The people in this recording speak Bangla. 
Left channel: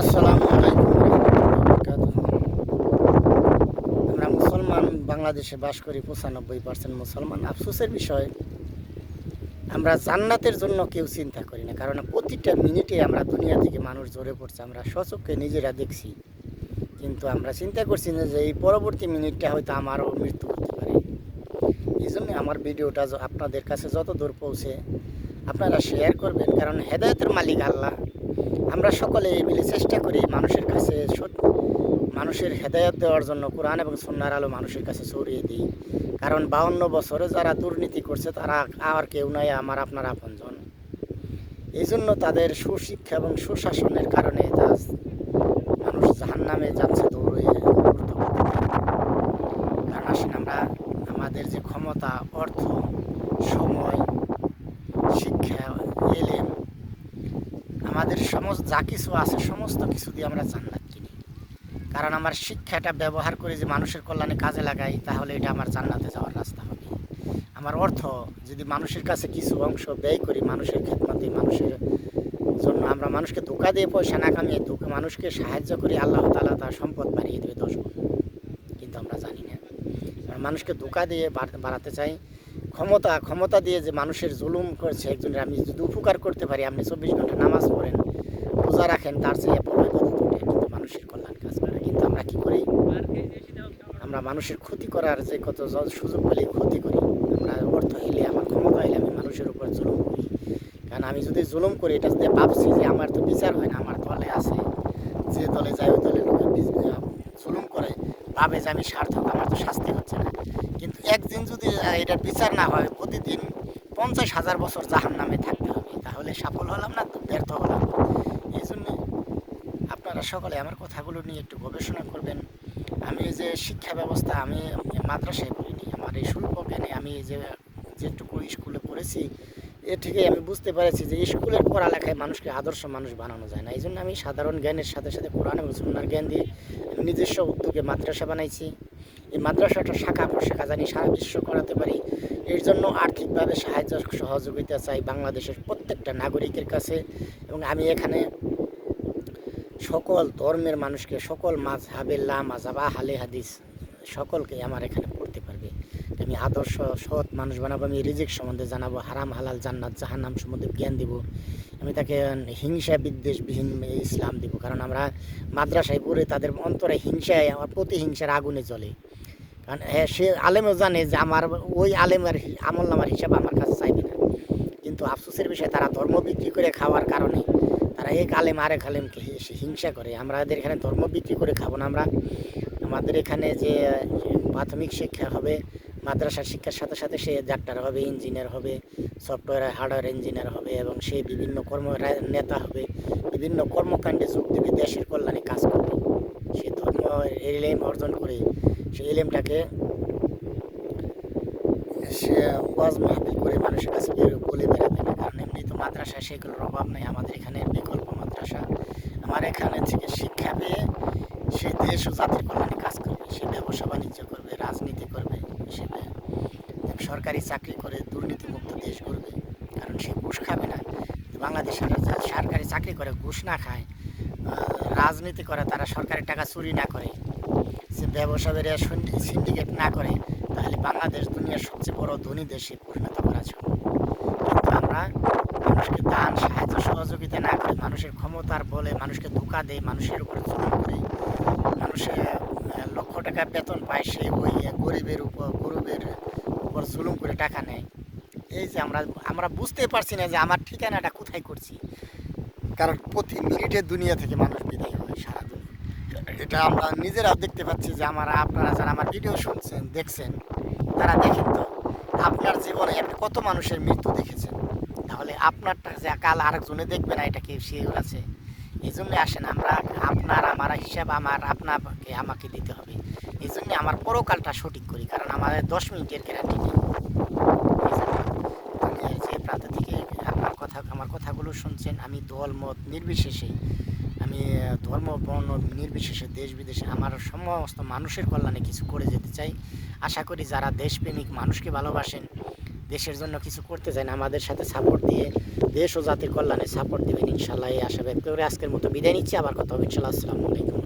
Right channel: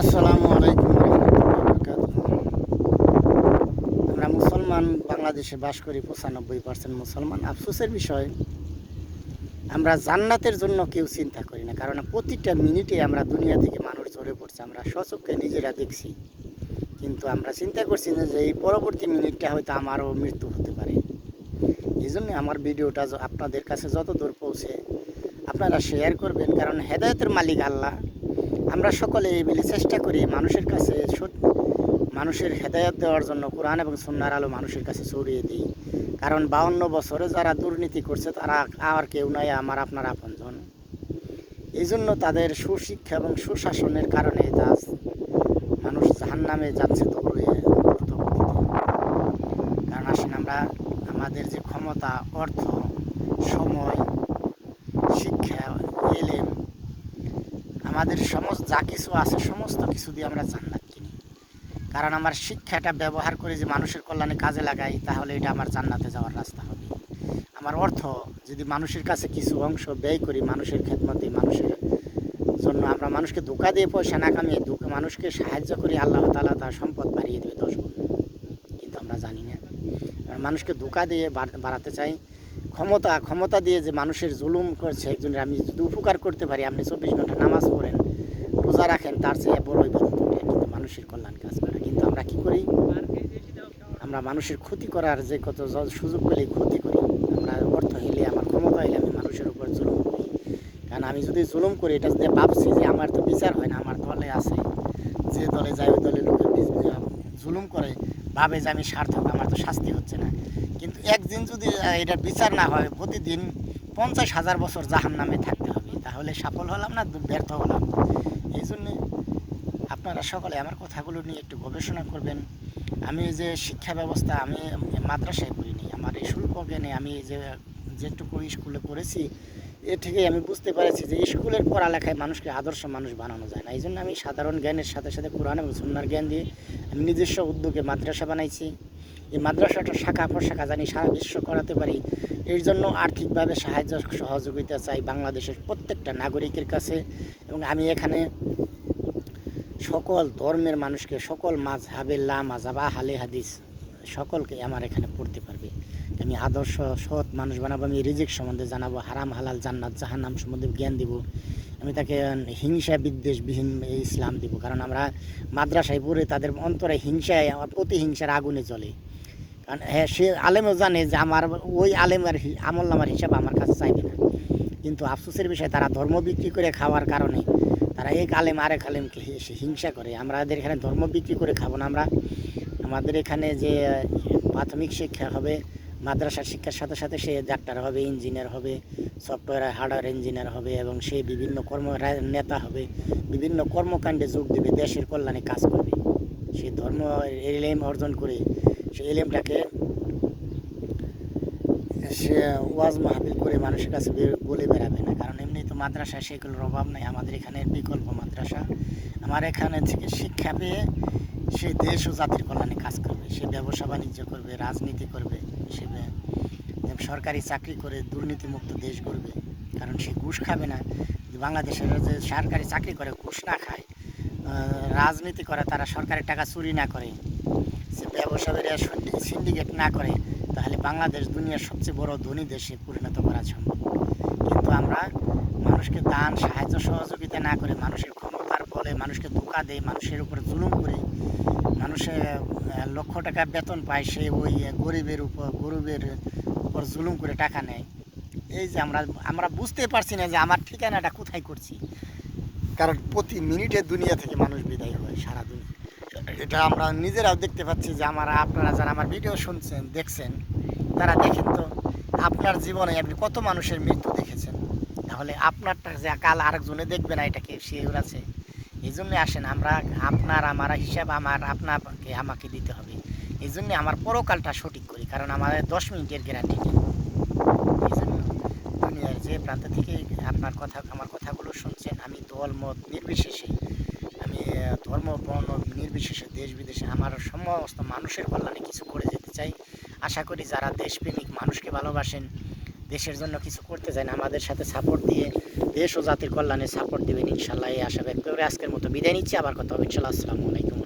আসসালামু আলাইকুম রহমতুল্লাহ। আমরা মুসলমান বাংলাদেশে বাস করি, 95% মুসলমান। আফসোসের বিষয়, আমরা জান্নাতের জন্য কেউ চিন্তা করি না, কারণ প্রতিটা মিনিটে আমরা দুনিয়া থেকে মানুষ ঝরে পড়ছে, আমরা স্বচক্ষে নিজেরা দেখছি। কিন্তু আমরা চিন্তা করছি না যে এই পরবর্তী মিনিটটা হয়তো আমারও মৃত্যু হতে পারে। এই জন্য আমার ভিডিওটা আপনাদের কাছে যত দূর পৌঁছে আপনারা শেয়ার করবেন, কারণ হেদায়েতের মালিক আল্লাহ। আমরা সকলে এই মিলে চেষ্টা করি মানুষের কাছে মানুষের হেদায়ত দেওয়ার জন্য কোরআন এবং সুন্নাহর আলো মানুষের কাছে ছড়িয়ে দিই। কারণ 52 বছরে যারা দুর্নীতি করছে তারা আর কেউ নয়, আমার আপনার আপনজন। এই জন্য তাদের সুশিক্ষা এবং সুশাসনের কারণে মানুষ জাহান্নামে যাচ্ছে দৌড়ে। কারণ আসেন, আমরা আমাদের যে ক্ষমতা, অর্থ, সময়, শিক্ষা, এলেম, আমাদের সমস্ত যা কিছু আছে সমস্ত কিছু দিয়ে আমরা জান্নাত কিনি। কারণ আমার শিক্ষাটা ব্যবহার করে যে মানুষের কল্যাণে কাজে লাগাই, তাহলে এটা আমার জান্নাতে যাওয়ার রাস্তা হবে। আমার অর্থ যদি মানুষের কাছে কিছু অংশ ব্যয় করি, মানুষের খেদমতে, মানুষের জন্য, আমরা মানুষকে ধোঁকা দিয়ে পয়সা না কামিয়ে মানুষকে সাহায্য করি, আল্লাহ তাআলা তার সম্পদ বাড়িয়ে দেবে 10 গুণ। কিন্তু আমরা জানি না, মানুষকে ধোঁকা দিয়ে বাড়াতে চাই। ক্ষমতা দিয়ে যে মানুষের জুলুম করছে, একজনের আমি যদি উপকার করতে পারি, আপনি 24 ঘন্টা নামাজ পড়েন, রোজা রাখেন, তার চেয়ে বড় ইবাদত ওঠে, কিন্তু মানুষের কল্যাণ কাজ করে। কিন্তু আমরা কী করি? আমরা মানুষের ক্ষতি করার যে কত সুযোগ পেলে ক্ষতি করি। আমরা অর্থ হইলে, আমার ক্ষমতা হইলে আমি মানুষের উপর জুলুম করি। কারণ আমি যদি জুলুম করি, এটা যদি ভাবছি যে আমার তো বিচার হয় না, আমার দলে আছে, যে দলে যায় ওই দলে লোকের জুলুম করে, ভাবে যে আমি সার্থক, আমার তো শাস্তি হচ্ছে না। কিন্তু একদিন যদি এটার বিচার না হয়, প্রতিদিন 50,000 বছর জাহান্নামে থাকতে হবে, তাহলে সফল হলাম না ব্যর্থ হলাম? এই জন্যে আপনারা সকলে আমার কথাগুলো নিয়ে একটু গবেষণা করবেন। আমি যে শিক্ষা ব্যবস্থা, আমি মাদ্রাসায় পড়িনি, আমার এই স্বল্প জ্ঞানে আমি যেটুকু স্কুলে পড়েছি, এ থেকে আমি বুঝতে পেরেছি যে স্কুলের পড়ালেখায় মানুষকে আদর্শ মানুষ বানানো যায় না। এই জন্য আমি সাধারণ জ্ঞানের সাথে সাথে কোরআন এবং সুন্নাহর জ্ঞান দিয়ে আমি নিজস্ব উদ্যোগে মাদ্রাসা বানাইছি। এই মাদ্রাসাটা শাখা প্রশাখা জানি সারা বিশ্ব করাতে পারি। এর জন্য আর্থিকভাবে সাহায্য সহযোগিতা চাই বাংলাদেশের প্রত্যেকটা নাগরিকের কাছে। এবং আমি এখানে সকল ধর্মের মানুষকে, সকল মাযহাবে লা মাযহাবা আহলে হাদিস সকলকে আমার এখানে পড়তে পারবে। আমি আদর্শ সৎ মানুষ বানাবো, আমি রিজিক সম্বন্ধে জানাবো, হারাম হালাল জান্নাত জাহান্নাম সম্বন্ধে জ্ঞান দিব। আমি তাকে হিংসা বিদ্বেষবিহীন ইসলাম দিব। কারণ আমরা মাদ্রাসায় পড়ে তাদের অন্তরে হিংসায়, প্রতিহিংসার আগুনে জ্বলে। কারণ সে আলেমও জানে যে আমার ওই আলেমের আমল নামার হিসাব আমার কাছে চাইবে না। কিন্তু আফসোসের বিষয়, তারা ধর্ম বিক্রি করে খাওয়ার কারণে তারা এক আলেম আরেক আলেমকে হিংসা করে। আমাদের এখানে ধর্ম বিক্রি করে খাবো না। আমাদের এখানে যে প্রাথমিক শিক্ষা হবে, মাদ্রাসার শিক্ষার সাথে সাথে সে ডাক্তার হবে, ইঞ্জিনিয়ার হবে, সফটওয়্যার হার্ডওয়্যার ইঞ্জিনিয়ার হবে, এবং সে বিভিন্ন নেতা হবে, বিভিন্ন কর্মকাণ্ডে যোগ দেবে, দেশের কল্যাণে কাজ করবে। সে ধর্ম এলেম অর্জন করে সে এলেমটাকে সে ওয়াজ মাহফিল করে মানুষের কাছে বলে বেড়াবে না। কারণ এমনি তো মাদ্রাসা সেগুলোর অভাব নেই। আমাদের এখানে বিকল্প মাদ্রাসা। আমার এখানে থেকে শিক্ষা পেয়ে সে দেশ ও জাতির কল্যাণে কাজ করবে, সে ব্যবসা বাণিজ্য করবে, রাজনীতি করবে, সে সরকারি চাকরি করে দুর্নীতিমুক্ত দেশ করবে। কারণ সে ঘুষ খাবে না। বাংলাদেশের যে সরকারি চাকরি করে ঘুষ না খায়, রাজনীতি করে, তারা সরকারের টাকা চুরি না করে, সে ব্যবসায়ীরা সিন্ডিকেট না করে, তাহলে বাংলাদেশ দুনিয়ার সবচেয়ে বড় ধনী দেশে পরিণত করা সম্ভব। কিন্তু আমরা মানুষকে দান, সাহায্য, সহযোগিতা না করে, মানুষের ক্ষমতার বলে মানুষকে ধোঁকা দেয়, মানুষের উপর জুলুম করে, মানুষের লক্ষ টাকা বেতন পায়, সে ওই গরিবের উপর জুলুম করে টাকা নেয়। এই যে আমরা বুঝতে পারছি না যে আমার ঠিকানাটা কোথায় করছি। কারণ প্রতি মিনিটে দুনিয়া থেকে মানুষ বিদায় হয়, সারা দুনিয়া। এটা আমরা নিজেরাও দেখতে পাচ্ছি যে আপনারা যারা আমার ভিডিও শুনছেন, দেখছেন, তারা দেখেন তো আপনার জীবনে আপনি কত মানুষের মৃত্যু দেখেছেন। তাহলে আপনারটা যে কাল আরেকজনে দেখবে না, এটা কি শিওর আছে? এই জন্য আসেন, আমার হিসাব আপনাকে আমাকে দিতে হবে। এই জন্য আমার পরকালটা সঠিক করি, কারণ আমাদের 10 মিনিটের গ্যারান্টি। দুনিয়ার যে প্রান্ত থেকে আমার কথাগুলো শুনছেন, আমি দল মত নির্বিশেষে, আমি ধর্ম বর্ণ নির্বিশেষে, দেশ বিদেশে আমার সমস্ত মানুষের কল্যাণে কিছু করে যেতে চাই। আশা করি যারা দেশপ্রেমিক, মানুষকে ভালোবাসেন, দেশের জন্য কিছু করতে চান, আমাদের সাথে সাপোর্ট দিয়ে দেশ ও জাতির কল্যাণে সাপোর্ট দেবেন ইনশাল্লাহ, এই আশা ব্যক্ত করে আজকের মতো বিদায় নিচ্ছি। আবার কথা হবে ইনশাল্লাহ। আসসালামু আলাইকুম।